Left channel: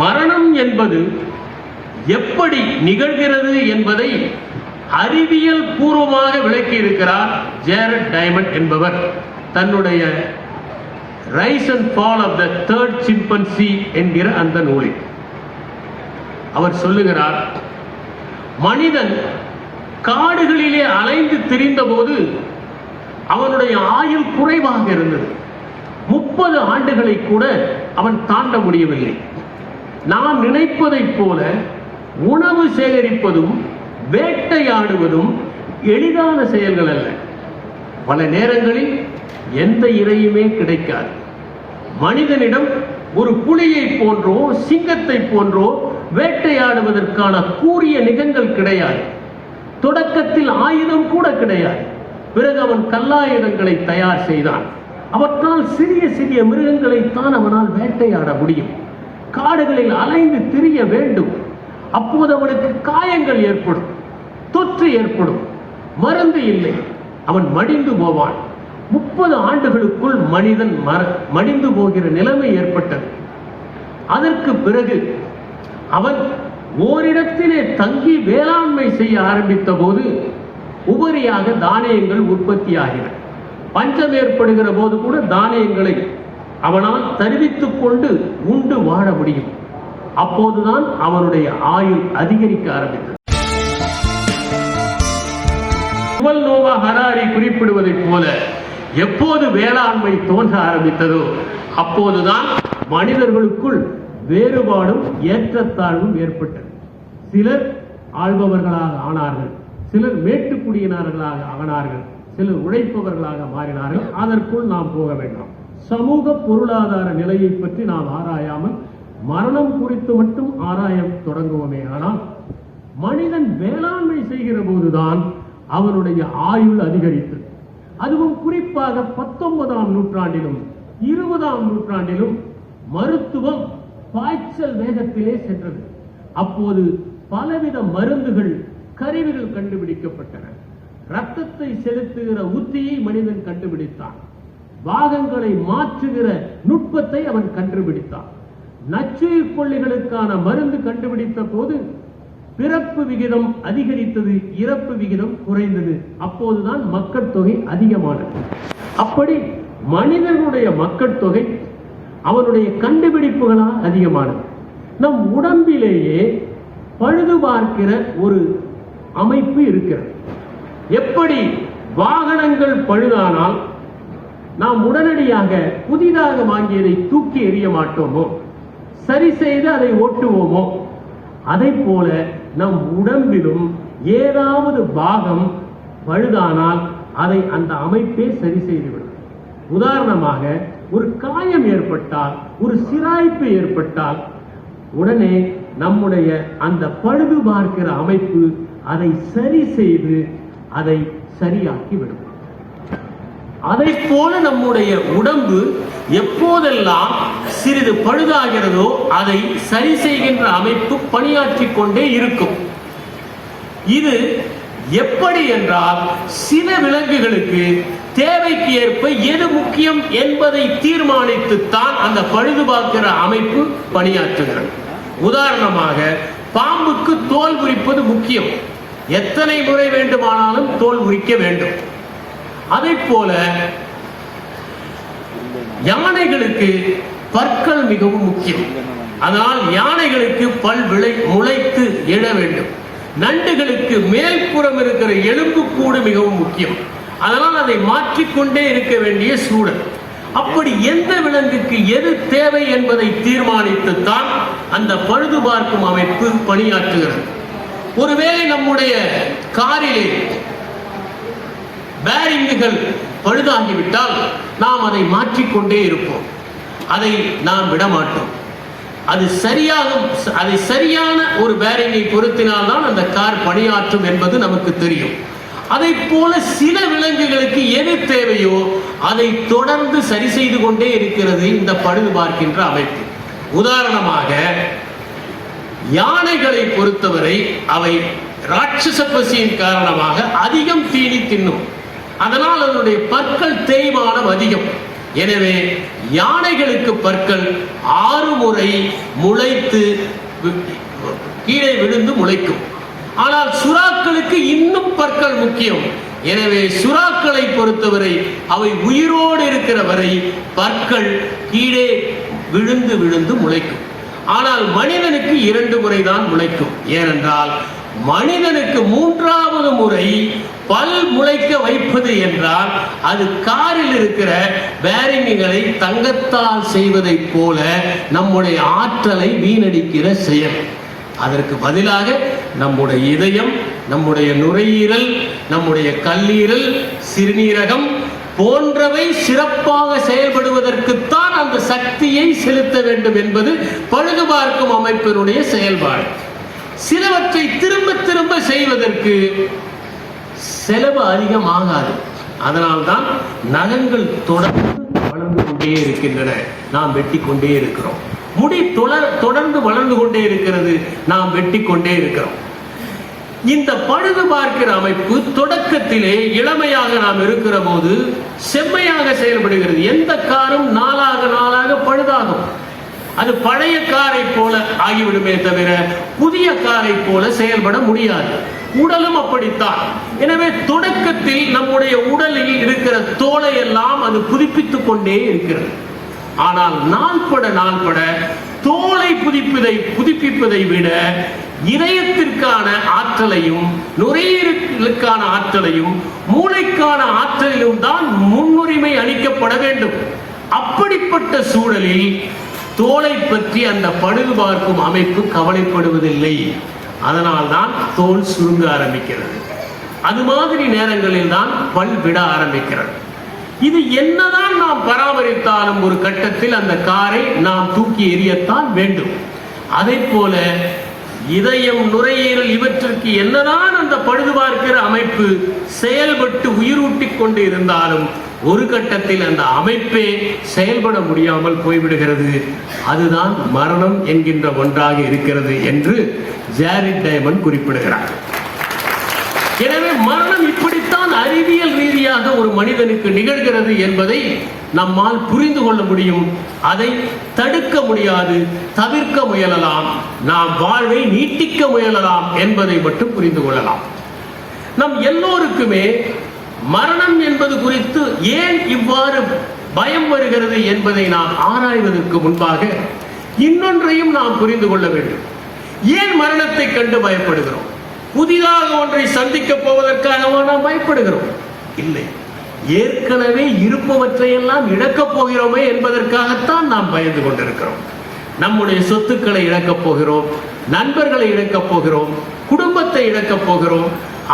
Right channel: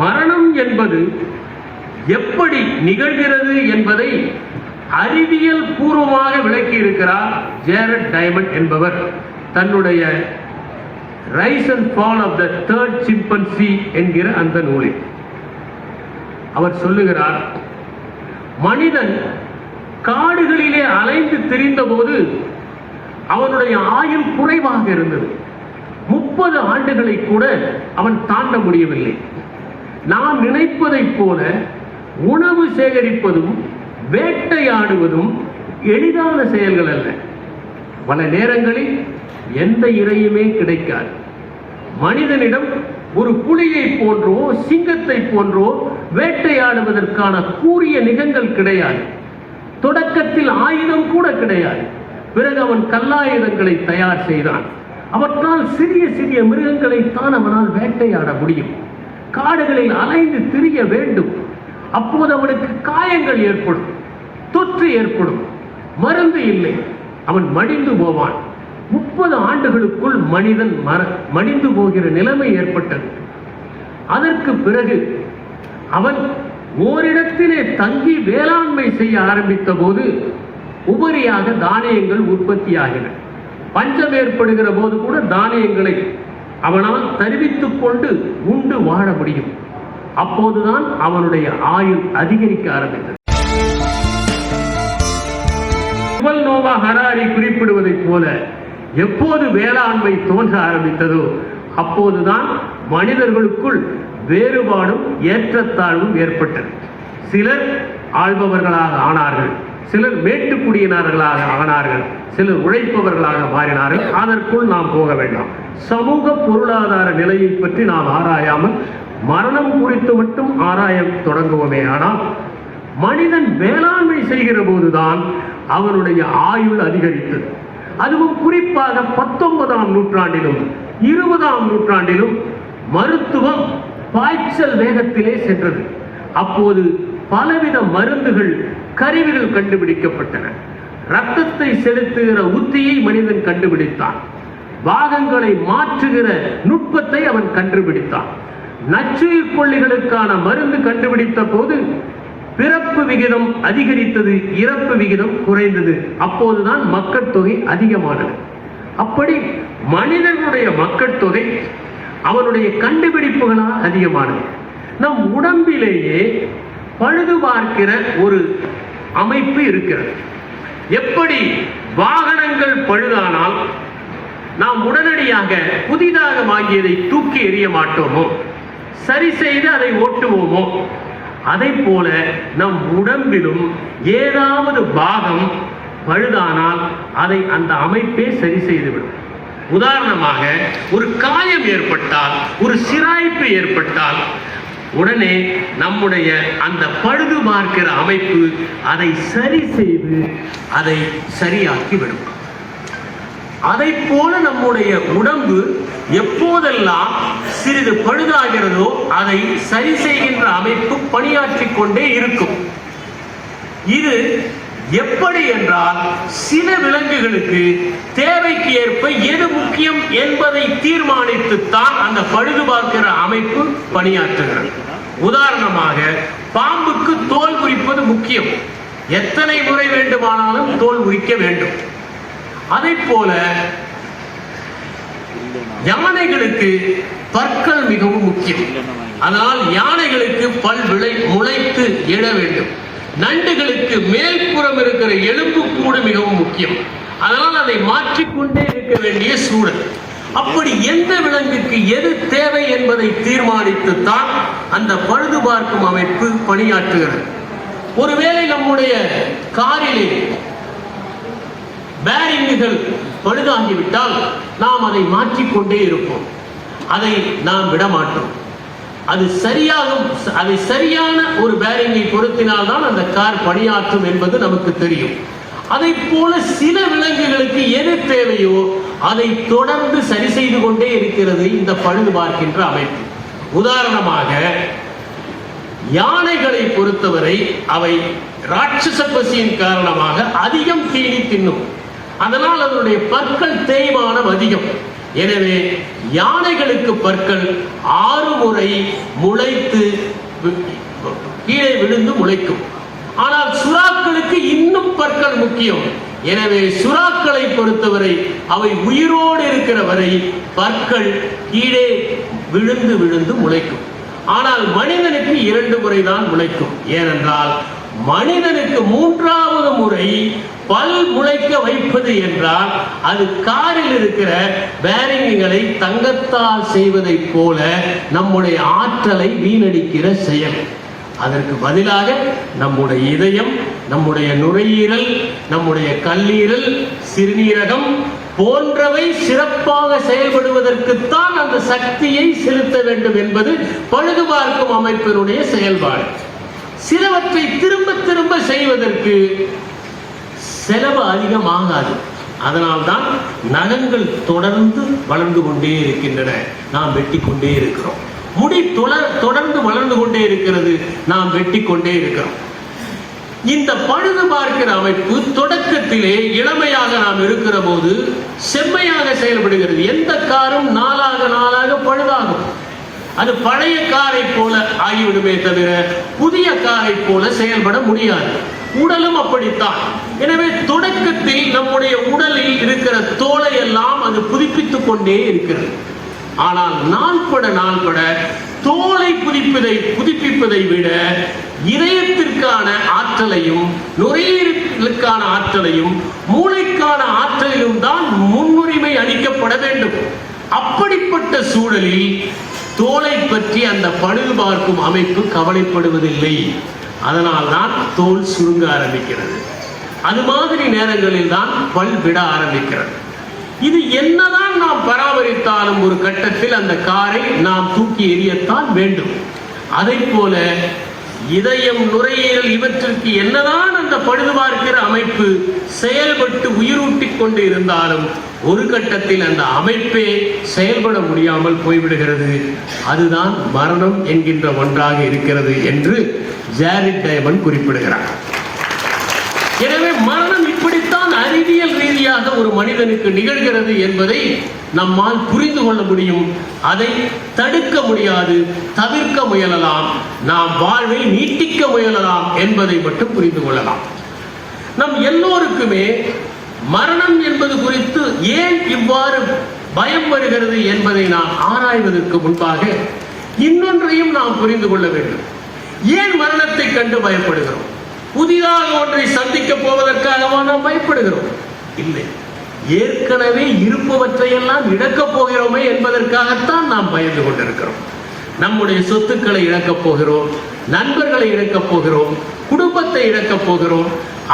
மரணம் என்பது எப்படி நிகழ்கிறது என்பதை அறிவியல் பூர்வமாக விளக்கி இருக்கிறார் ஜேரட் டைமண்ட் என்பவர் தன்னுடைய rise and fall of the third chimpanzee என்கிற அந்த நூலில். அவர் சொல்லுகிறார், மனிதன் காடுகளிலே அலைந்து திரிந்த போது அவனுடைய ஆயுள் குறைவாக இருந்தது. 30 ஆண்டுகளை கூட அவன் தாண்ட முடியவில்லை. நாம் நினைப்பதைப் போல உணவு சேகரிப்பதும் வேட்டையாடுவதும் எளிதான செயல்கள் அல்ல. பல நேரங்களில் எந்த இரையுமே கிடைக்காது. மனிதனிடம் ஒரு புலியை போன்றோ சிங்கத்தை போன்றோ வேட்டையாடுவதற்கான கூரிய நிகங்கள் கிடையாது. தொடக்கத்தில் ஆயுதம் கூட கிடையாது. பிறகு அவன் கல்லாயுதங்களை தயார் செய்தான். அவற்றால் சிறிய சிறிய மிருகங்களைத்தான் அவனால் வேட்டையாட முடியும். காடுகளில் அலைந்து திரிய வேண்டும். அப்போது அவனுக்கு காயங்கள் ஏற்படும், தொற்று ஏற்படும், மருந்து இல்லை, அவன் மடிந்து போவான். 30 ஆண்டுகளுக்குள் மனிதன் மடிந்து போகிற நிலைமை ஏற்பட்டது. அதற்கு பிறகு அவன் ஓரிடத்திலே தங்கி வேளாண்மை செய்ய ஆரம்பித்த போது உபரியாக தானியங்கள் உற்பத்தியாகின. பஞ்சம் ஏற்படுகிற போது கூட தானியங்களை அவனால் தருவித்துக் கொண்டு உண்டு வாழ முடியும். அப்போதுதான் அவனுடைய ஆயுள் அதிகரிக்க ஆரம்பித்தது. யுவல் நோவா ஹராரி குறிப்பிடுவதைப் போல எப்போது வேளாண்மை தோன்ற ஆரம்பித்ததோ அப்போதுதான் மனிதர்களுக்குள் வேறுபாடும் ஏற்றத்தாழ்வும் ஏற்பட்டது. சிலர் ஆள்பவர்களாக ஆனார்கள், சிலர் மேட்டுக்குடியினர்களாக ஆனார்கள், சிலர் உழைப்பவர்களாக மாறினார்கள். அதற்குள் நாம் போக வேண்டாம். சமூக பொருளாதார நிலையை பற்றி நாம் ஆராயாமல் மரணம் குறித்து மட்டும் ஆராய தொடங்குவோமே. ஆனால் மனிதன் வேளாண்மை செய்கிற போதுதான் அவனுடைய ஆயுள் அதிகரித்தது. அதுவும் குறிப்பாக 19ஆம் நூற்றாண்டிலும் 20ஆம் நூற்றாண்டிலும் மருத்துவம் பாய்ச்சல் வேகத்திலே சென்றது. அப்போது பலவித மருந்துகள், கருவிகள் கண்டுபிடிக்கப்பட்டன. இரத்தத்தை செலுத்துகிற உத்தியை மனிதன் கண்டுபிடித்தான். பாகங்களை மாற்றுகிற நுட்பத்தை அவன் கண்டுபிடித்தான். நச்சுயிர் கொல்லிகளுக்கான மருந்து கண்டுபிடித்த போது பிறப்பு விகிதம் அதிகரித்தது, இறப்பு விகிதம் குறைந்தது. அப்போதுதான் மக்கள் தொகை அதிகமானது. அப்படி மனிதனுடைய மக்கள் தொகை அவனுடைய கண்டுபிடிப்புகளால் அதிகமானது. நம் உடம்பிலேயே பழுது பார்க்கிற ஒரு அமைப்பு இருக்கிறது. எப்படி வாகனங்கள் பழுதானால் நாம் உடனடியாக புதிதாக வாங்கியதை தூக்கி எறிய மாட்டோமோ, சரி செய்து அதை ஓட்டுவோமோ, அதை போல நம் உடம்பிலும் ஏதாவது பாகம் பழுதானால் அதை அந்த அமைப்பே சரி செய்துவிடும். உதாரணமாக ஒரு காயம் ஏற்பட்டால், ஒரு சிராய்ப்பு ஏற்பட்டால் உடனே நம்முடைய அந்த பழுது பார்க்கிற அமைப்பு அதை சரி செய்து அதை சரியாக்கிவிடும். அதை போல நம்முடைய உடம்பு எப்போதெல்லாம் சிறிது பழுதாகிறதோ அதை சரி செய்கின்ற அமைப்பு பணியாற்றிக் கொண்டே இருக்கும். இது எப்படி என்றால், சில விலங்குகளுக்கு தேவைக்கு ஏற்ப எது முக்கியம் என்பதை தீர்மானித்துத்தான் அந்த பழுது பார்க்கிற அமைப்பு பணியாற்றுகிறது. உதாரணமாக பாம்புக்கு தோல் உரிப்பது முக்கியம். எத்தனை முறை வேண்டுமானாலும் தோல் உரிக்க வேண்டும். அதை போல யானைகளுக்கு பற்கள் மிகவும் முக்கியம். ஆனால் யானைகளுக்கு பல் முளைத்து எழ வேண்டும். நண்டுகளுக்கு மேல்புறம் இருக்கிற எலும்புக்கூடு மிகவும் முக்கியம். அதனால் அதை மாற்றிக்கொண்டே இருக்க வேண்டிய சூழல். அப்படி எந்த விலங்குக்கு எது தேவை என்பதை தீர்மானித்துத்தான் அந்த பழுது பார்க்கும் அமைப்பு பணியாற்றுகிறது. ஒருவேளை நம்முடைய காரிலே பேரிங்குகள் பழுதாகிவிட்டால் நாம் அதை மாற்றிக்கொண்டே இருப்போம். அதை நாம் விட மாட்டோம். அது சரியான ஒரு பேரிங்கை பொருத்தினால்தான் அந்த கார் பணியாற்றும் என்பது நமக்கு தெரியும். அதை போல சில விலங்குகளுக்கு எது தேவையோ அதை தொடர்ந்து சரி செய்து கொண்டே இருக்கிறது இந்த பழுது பார்க்கின்ற அமைப்பு. உதாரணமாக யானைகளை பொறுத்தவரை அவை ராட்சச பசியின் காரணமாக அதிகம் தீனி தின்னும். அதனால் அதனுடைய பற்கள் தேய்மானம் அதிகம். எனவே யானைகளுக்கு பற்கள் 6 முறை முளைத்து கீழே விழுந்து முளைக்கும். ஆனால் சுறாக்களுக்கு இன்னும் பற்கள் முக்கியம். எனவே சுறாக்களை பொறுத்தவரை அவை உயிரோடு இருக்கிற வரை பற்கள் கீழே விழுந்து விழுந்து முளைக்கும். ஆனால் மனிதனுக்கு 2 முறைதான் முளைக்கும். ஏனென்றால் மனிதனுக்கு 3வது முறை பல் முளைக்க வைப்பது என்றால் அது காரில் இருக்கிற பேரிங்குகளை தங்கத்தால் செய்வதைப் போல நம்முடைய ஆற்றலை வீணடிக்கிற செயல். அதற்கு பதிலாக நம்முடைய இதயம், நம்முடைய நுரையீரல், நம்முடைய கல்லீரல், சிறுநீரகம் போன்றவை சிறப்பாக செயல்படுவதற்குத்தான் அந்த சக்தியை செலுத்த வேண்டும் என்பது பழுது பார்க்கும் அமைப்பினுடைய செயல்பாடு. சிலவற்றை திரும்ப திரும்ப செய்வதற்கு செலவு அதிகமாகாது. அதனால்தான் நகங்கள் தொடர்ந்து வளர்ந்து கொண்டே இருக்கின்றன, நாம் வெட்டி கொண்டே இருக்கிறோம். முடி தொடர்ந்து வளர்ந்து கொண்டே இருக்கிறது, நாம் வெட்டி கொண்டே இருக்கிறோம். இந்த பழுது பார்க்கிற அமைப்பு தொடக்கத்திலே இளமையாக நாம் இருக்கிற போது செம்மையாக செயல்படுகிறது. எந்த காரும் நாளாக நாளாக பழுதாகும். அது பழைய காரை போல ஆகிவிடுமே தவிர புதிய காரை போல செயல்பட முடியாது. உடலும் அப்படித்தான். எனவே தொடக்கத்தில் நம்முடைய உடலில் இருக்கிற தோலை எல்லாம் அது புதுப்பித்துக் கொண்டே இருக்கிறது. ஆனால் நாள்பட நாள்பட தோலை புதுப்பிப்பதை விட இதயத்திற்கான ஆற்றலையும், நுரையீரலுக்கான ஆற்றலையும், மூளைக்கான ஆற்றலிலும் தான் முன்னுரிமை அளிக்கப்பட வேண்டும். அப்படிப்பட்ட சூழலில் தோலை பற்றி அந்த பழுது பார்க்கும் அமைப்பு கவலைப்படுவதில்லை. அதனால்தான் தோல் சுருங்க ஆரம்பிக்கிறது. அது மாதிரி நேரங்களில் தான் பல் விட ஆரம்பிக்கிறது. இது என்னதான் நாம் பராமரித்தாலும் ஒரு கட்டத்தில் அந்த காரை நாம் தூக்கி எறியத்தான் வேண்டும். அதை போல இதயம், நுரையீரல் இவற்றிற்கு என்னதான் அந்த பழுது பார்க்கிற அமைப்பு செயல்பட்டு உயிரூட்டிக் கொண்டு இருந்தாலும் ஒரு கட்டத்தில் அந்த அமைப்பே செயல்பட முடியாமல் போய்விடுகிறது. அதுதான் மரணம் என்கின்ற ஒன்றாக இருக்கிறது என்று ஜாரிட் டைமண்ட் குறிப்பிடுகிறார். எனவே மரணம் இப்படித்தான் அறிவியல் ரீதியாக ஒரு மனிதனுக்கு நிகழ்கிறது என்பதை நம்மால் புரிந்து கொள்ள முடியும். அதை தடுக்க முடியாது, தவிர்க்க முயலலாம், நாம் வாழ்வை நீட்டிக்க முயலலாம் என்பதை மட்டும் புரிந்து கொள்ளலாம். நம் எல்லோருக்குமே மரணம் என்பது குறித்து ஏன் இவ்வாறு பயம் வருகிறது என்பதை நாம் ஆராய்வதற்கு முன்பாக இன்னொன்றையும் நாம் புரிந்து கொள்ள வேண்டும். ஏன் மரணத்தை கண்டு பயப்படுகிறோம்? புதிதாக ஒன்றை சந்திக்க போவதற்காக நாம் பயப்படுகிறோம்? இல்லை, ஏற்கனவே இருப்பவற்றையெல்லாம் இழக்கப் போகிறோமே என்பதற்காகத்தான் நாம் பயந்து கொண்டிருக்கிறோம். நம்முடைய சொத்துக்களை இழக்கப் போகிறோம், நண்பர்களை இழக்கப் போகிறோம், குடும்பத்தை இழக்கப் போகிறோம்,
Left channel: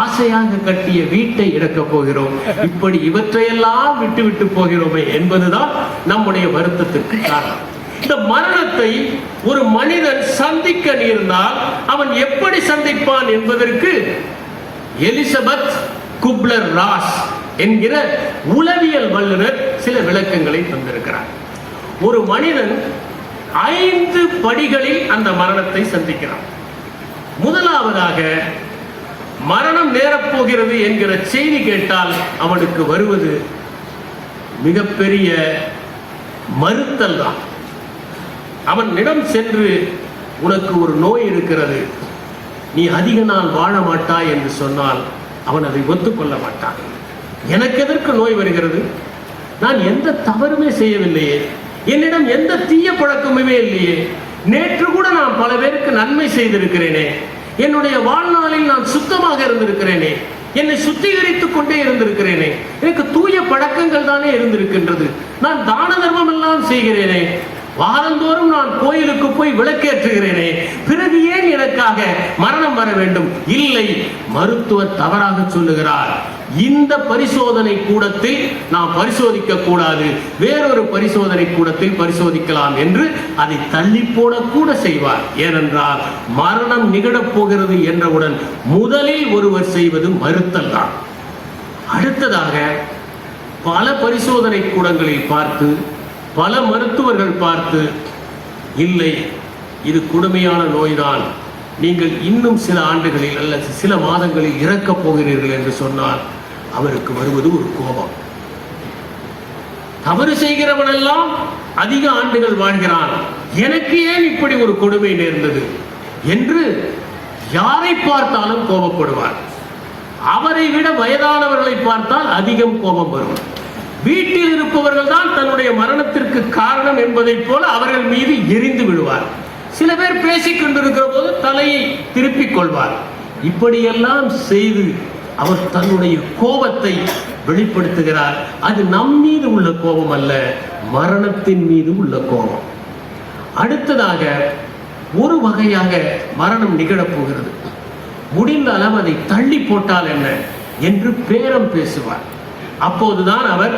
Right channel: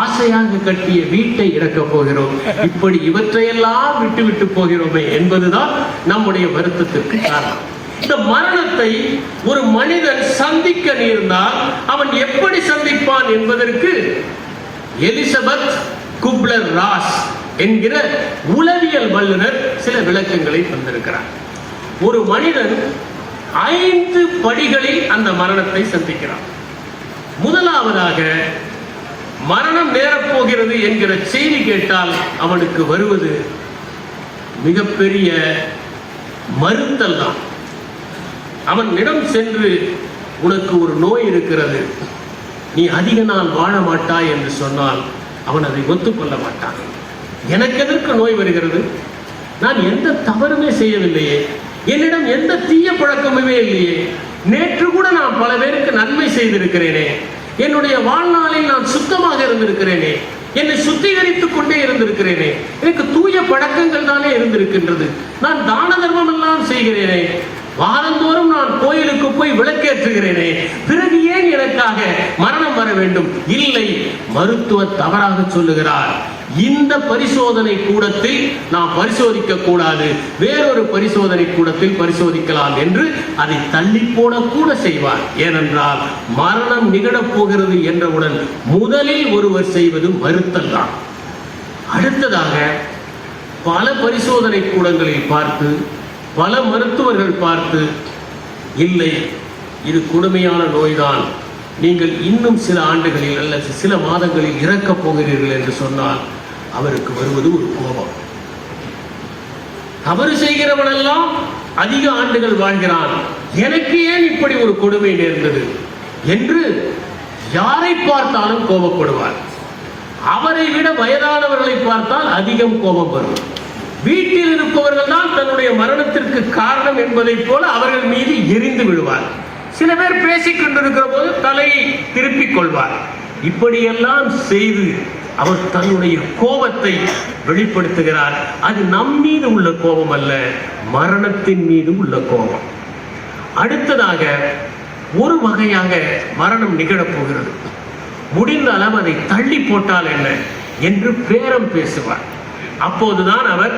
ஆசையாக கட்டிய வீட்டை இழக்கப் போகிறோம். இப்படி இவற்றையெல்லாம் விட்டு போகிறோமே என்பதுதான் நம்முடைய வருத்தத்திற்கு காரணம். இந்த மரணத்தை ஒரு மனிதன் சந்திக்க நேர்ந்தால் அவன் எப்படி சந்திப்பான் என்பதற்கு எலிசபெத் குப்லர் ராஸ் என்கிற உளவியல் வல்லுநர் சில விளக்கங்களை தந்திருக்கிறார். ஒரு மனிதன் 5 படிகளில் அந்த மரணத்தை சந்திக்கிறான். முதலாவதாக மரணம் நேரப்போகிறது என்கிற செய்தி கேட்டால் அவனுக்கு வருவது மிகப்பெரிய மறுத்தல் தான். அவனிடம் சென்று, உனக்கு ஒரு நோய் இருக்கிறது, நீ அதிக நாள் வாழ மாட்டாய் என்று சொன்னால் அவன் அதை ஒத்துக்கொள்ள மாட்டான். எனக்கு எதற்கு நோய் வருகிறது? நான் எந்த தவறுமே செய்யவில்லையே, என்னிடம் எந்த தீய பழக்கமுமே இல்லையே, நேற்று கூட நான் பல பேருக்கு நன்மை செய்திருக்கிறேனே, என்னுடைய வாழ்நாளில் நான் சுத்தமாக இருந்திருக்கிறேனே, என்னை சுத்திகரித்துக் கொண்டே இருந்திருக்கிறேனே, எனக்கு தூய பழக்கங்கள் தானே இருந்திருக்கின்றது, நான் தான தர்மம் எல்லாம் செய்கிறேனே, வாரந்தோறும் நான் கோயிலுக்கு போய் விளக்கேற்றுகிறேனே, பிறகு ஏன் எனக்காக மரணம் வர வேண்டும்? இல்லை, மருத்துவர் தவறாக சொல்லுகிறார். இந்த பரிசோதனை கூடத்தில் நாம் பரிசோதிக்க கூடாது, வேறொரு பரிசோதனை கூடத்தில் பரிசோதிக்கலாம் என்று அதை தள்ளி போடக்கூட செய்வார். ஏனென்றால் மரணம் நிகழப் போகிறது என்றவுடன் முதலில் ஒருவர் செய்வது மறுத்தல் தான். அடுத்ததாக பல பரிசோதனை கூடங்களில் பார்த்து, பல மருத்துவர்கள் பார்த்து, இல்லை இது கொடுமையான நோய்தான், நீங்கள் இன்னும் சில ஆண்டுகளில் அல்லது சில மாதங்களில் இறக்கப் போகிறீர்கள் என்று சொன்னால் அவருக்கு வருவது ஒரு கோபம். தவறு செய்கிற மற்றவனெல்லாம் அதிக ஆண்டுகள் வாழ்கிறான், எனக்கு ஏன் இப்படி ஒரு கொடுமை நேர்ந்தது என்று யாரை பார்த்தாலும் கோபப்படுவார். அவரை விட வயதானவர்களை பார்த்தால் அதிகம் கோபம் வரும். வீட்டில் இருப்பவர்கள் தான் தன்னுடைய மரணத்திற்கு காரணம் என்பதைப் போல அவர்கள் மீது எரிந்து விடுவார். சில பேர் பேசிக் கொண்டிருக்கிற போது தலையை திருப்பிக் கொள்வார். இப்படியெல்லாம் செய்து அவர் தன்னுடைய கோபத்தை வெளிப்படுத்துகிறார். அது நம் மீது உள்ள கோபம் அல்ல, மரணத்தின் மீது உள்ள கோபம். அடுத்ததாக ஒரு வகையாக மரணம் நிகழப் போகிறது. முடிந்த அளவு அதை தள்ளி போட்டால் என்ன என்று பேரம் பேசுவார். அப்போதுதான் அவர்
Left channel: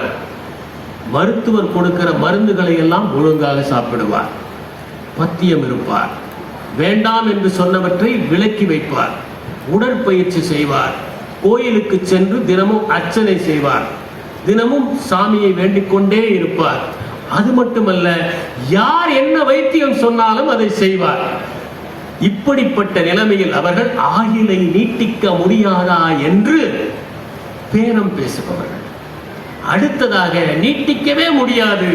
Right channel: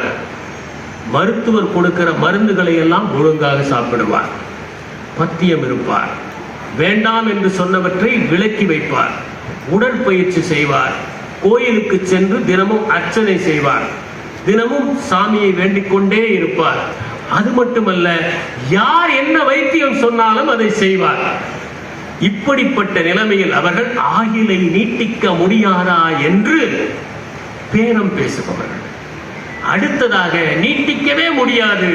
மருத்துவர் கொடுக்கிற மருந்துகளை எல்லாம் ஒழுங்காக சாப்பிடுவார், பத்தியம் இருப்பார், வேண்டாம் என்று சொன்னவற்றை விலக்கி வைப்பார், உடற்பயிற்சி செய்வார், கோயிலுக்கு சென்று தினமும் அர்ச்சனை செய்வார், தினமும் சாமியை வேண்டிக் கொண்டே இருப்பார். அது மட்டுமல்ல, யார் என்ன வைத்தியம் சொன்னாலும் அதை செய்வார். இப்படிப்பட்ட நிலைமையில் அவர்கள் ஆயுளை நீட்டிக்க முடியாதா என்று பேரம் பேசுபவர்கள். அடுத்ததாக நீட்டிக்கவே முடியாது,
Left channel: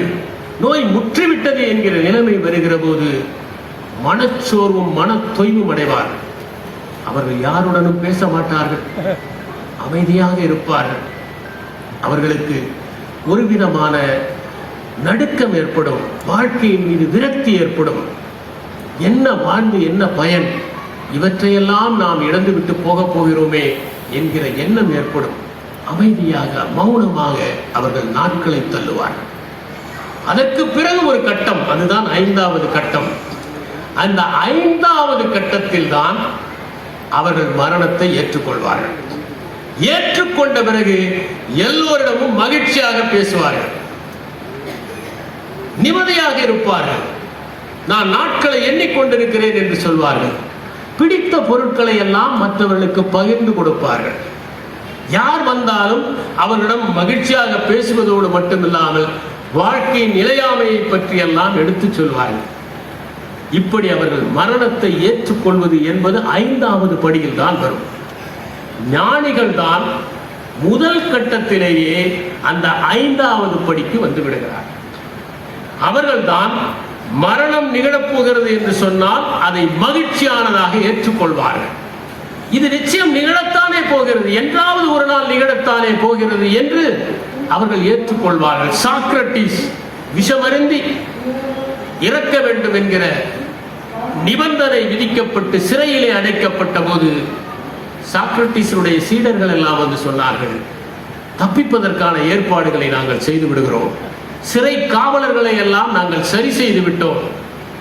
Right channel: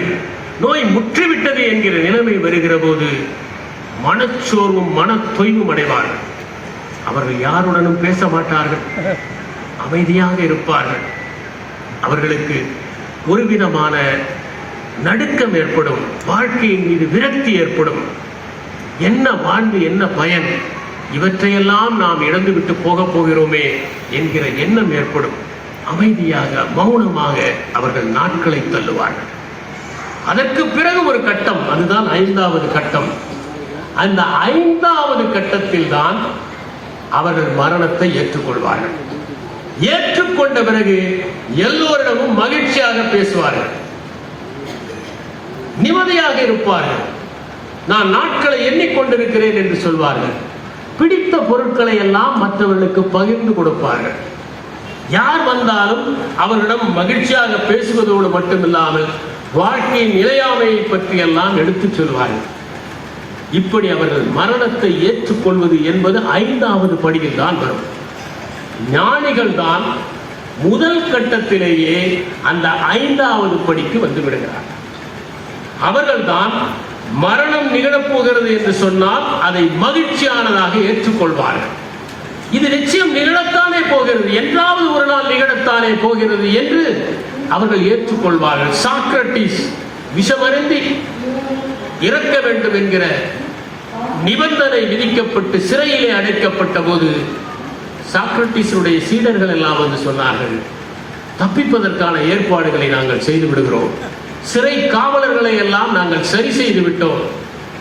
நோய் முற்றிவிட்டது என்கிற நிலைமை வருகிற போது மனச்சோர்வும் மன தொய்வும் அடைவார்கள். அவர்கள் யாருடனும் பேச மாட்டார்கள், அமைதியாக இருப்பார்கள். அவர்களுக்கு ஒரு விதமான நடுக்கம் ஏற்படும், வாழ்க்கையின் மீது விரக்தி ஏற்படும். என்ன வாழ்வு, என்ன பயன், இவற்றையெல்லாம் நாம் இழந்துவிட்டு போகப் போகிறோமே என்கிற எண்ணம் ஏற்படும். அமைதியாக மௌனமாக அவர்கள் நாட்களை தள்ளுவார்கள். அதற்கு பிறகு ஒரு கட்டம், அதுதான் 5வது கட்டம். அந்த 5வது கட்டத்தில் தான் அவர்கள் மரணத்தை ஏற்றுக்கொள்வார்கள். ஏற்றுக்கொண்ட பிறகு எல்லோரிடமும் மகிழ்ச்சியாக பேசுவார்கள், நிம்மதியாக இருப்பார்கள். நான் நாட்களை எண்ணிக்கொண்டிருக்கிறேன் என்று சொல்வார்கள். பிடித்த பொருட்களை எல்லாம் மற்றவர்களுக்கு பகிர்ந்து கொடுப்பார்கள். யார் வந்தாலும் அவர்களிடம் மகிழ்ச்சியாக பேசுவதோடு மட்டுமில்லாமல் வாழ்க்கையின் நிலையாமையை பற்றி எல்லாம் எடுத்துச் சொல்வார்கள். இப்படி அவர்கள் மரணத்தை ஏற்றுக்கொள்வது என்பது 5வது படியில் தான் வரும். ஞானிகள் தான் முதல் கட்டத்திலேயே அந்த 5வது படிக்கு வந்து விடுகிறார். அவர்கள்தான் மரணம் நிகழப்போகிறது என்று சொன்னால் அதை மகிழ்ச்சியானதாக ஏற்றுக்கொள்வார்கள். இது நிச்சயம் நிகழத்தானே போகிறது, என்றாவது ஒரு நாள் நிகழத்தானே போகிறது என்று அவர்கள் ஏற்றுக்கொள்வார்கள். சாக்ரட்டிஸ் விஷமருந்தி இறக்க வேண்டும் என்கிற நிபந்தனை விதிக்கப்பட்டு சிறையிலே அடைக்கப்பட்ட போது சாக்ரட்டிஸுடைய சீடர்கள் எல்லாம் வந்து சொன்னார்கள், தப்பிப்பதற்கான ஏற்பாடுகளை நாங்கள் செய்து விடுகிறோம், சிறை காவலர்களை எல்லாம் நாங்கள் சரி செய்து விட்டோம்,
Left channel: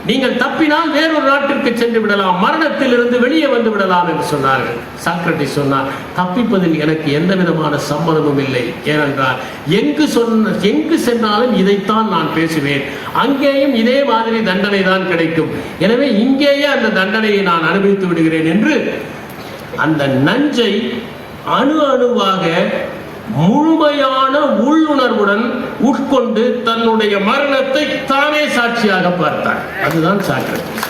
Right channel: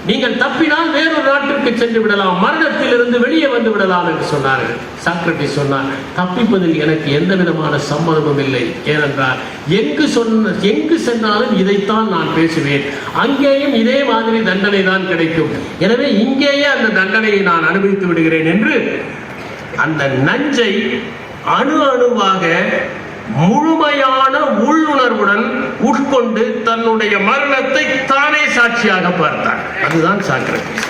நீங்கள் தப்பினால் வேறொரு நாட்டிற்கு சென்று விடலாம், மரணத்திலிருந்து வெளியே வந்து விடலாம் என்று சொன்னார்கள். சாக்ரட்டிஸ் சொன்னார், தப்பிப்பதில் எனக்கு எந்த விதமான சம்மதமும் இல்லை. ஏனென்றால் எங்கு சென்றாலும் இதைத்தான் நான் பேசுவேன், அங்கேயும் இதே மாதிரி தண்டனை தான் கிடைக்கும், எனவே இங்கேயே அந்த தண்டனையை நான் அனுபவித்து விடுகிறேன் என்று அந்த நஞ்சை அணு அணுவாக முழுமையான உள்ளுணர்வுடன் உட்கொண்டு தன்னுடைய மரணத்தை தானே சாட்சியாக பார்த்தார். அதுதான் சாக்ரட்டிஸ்.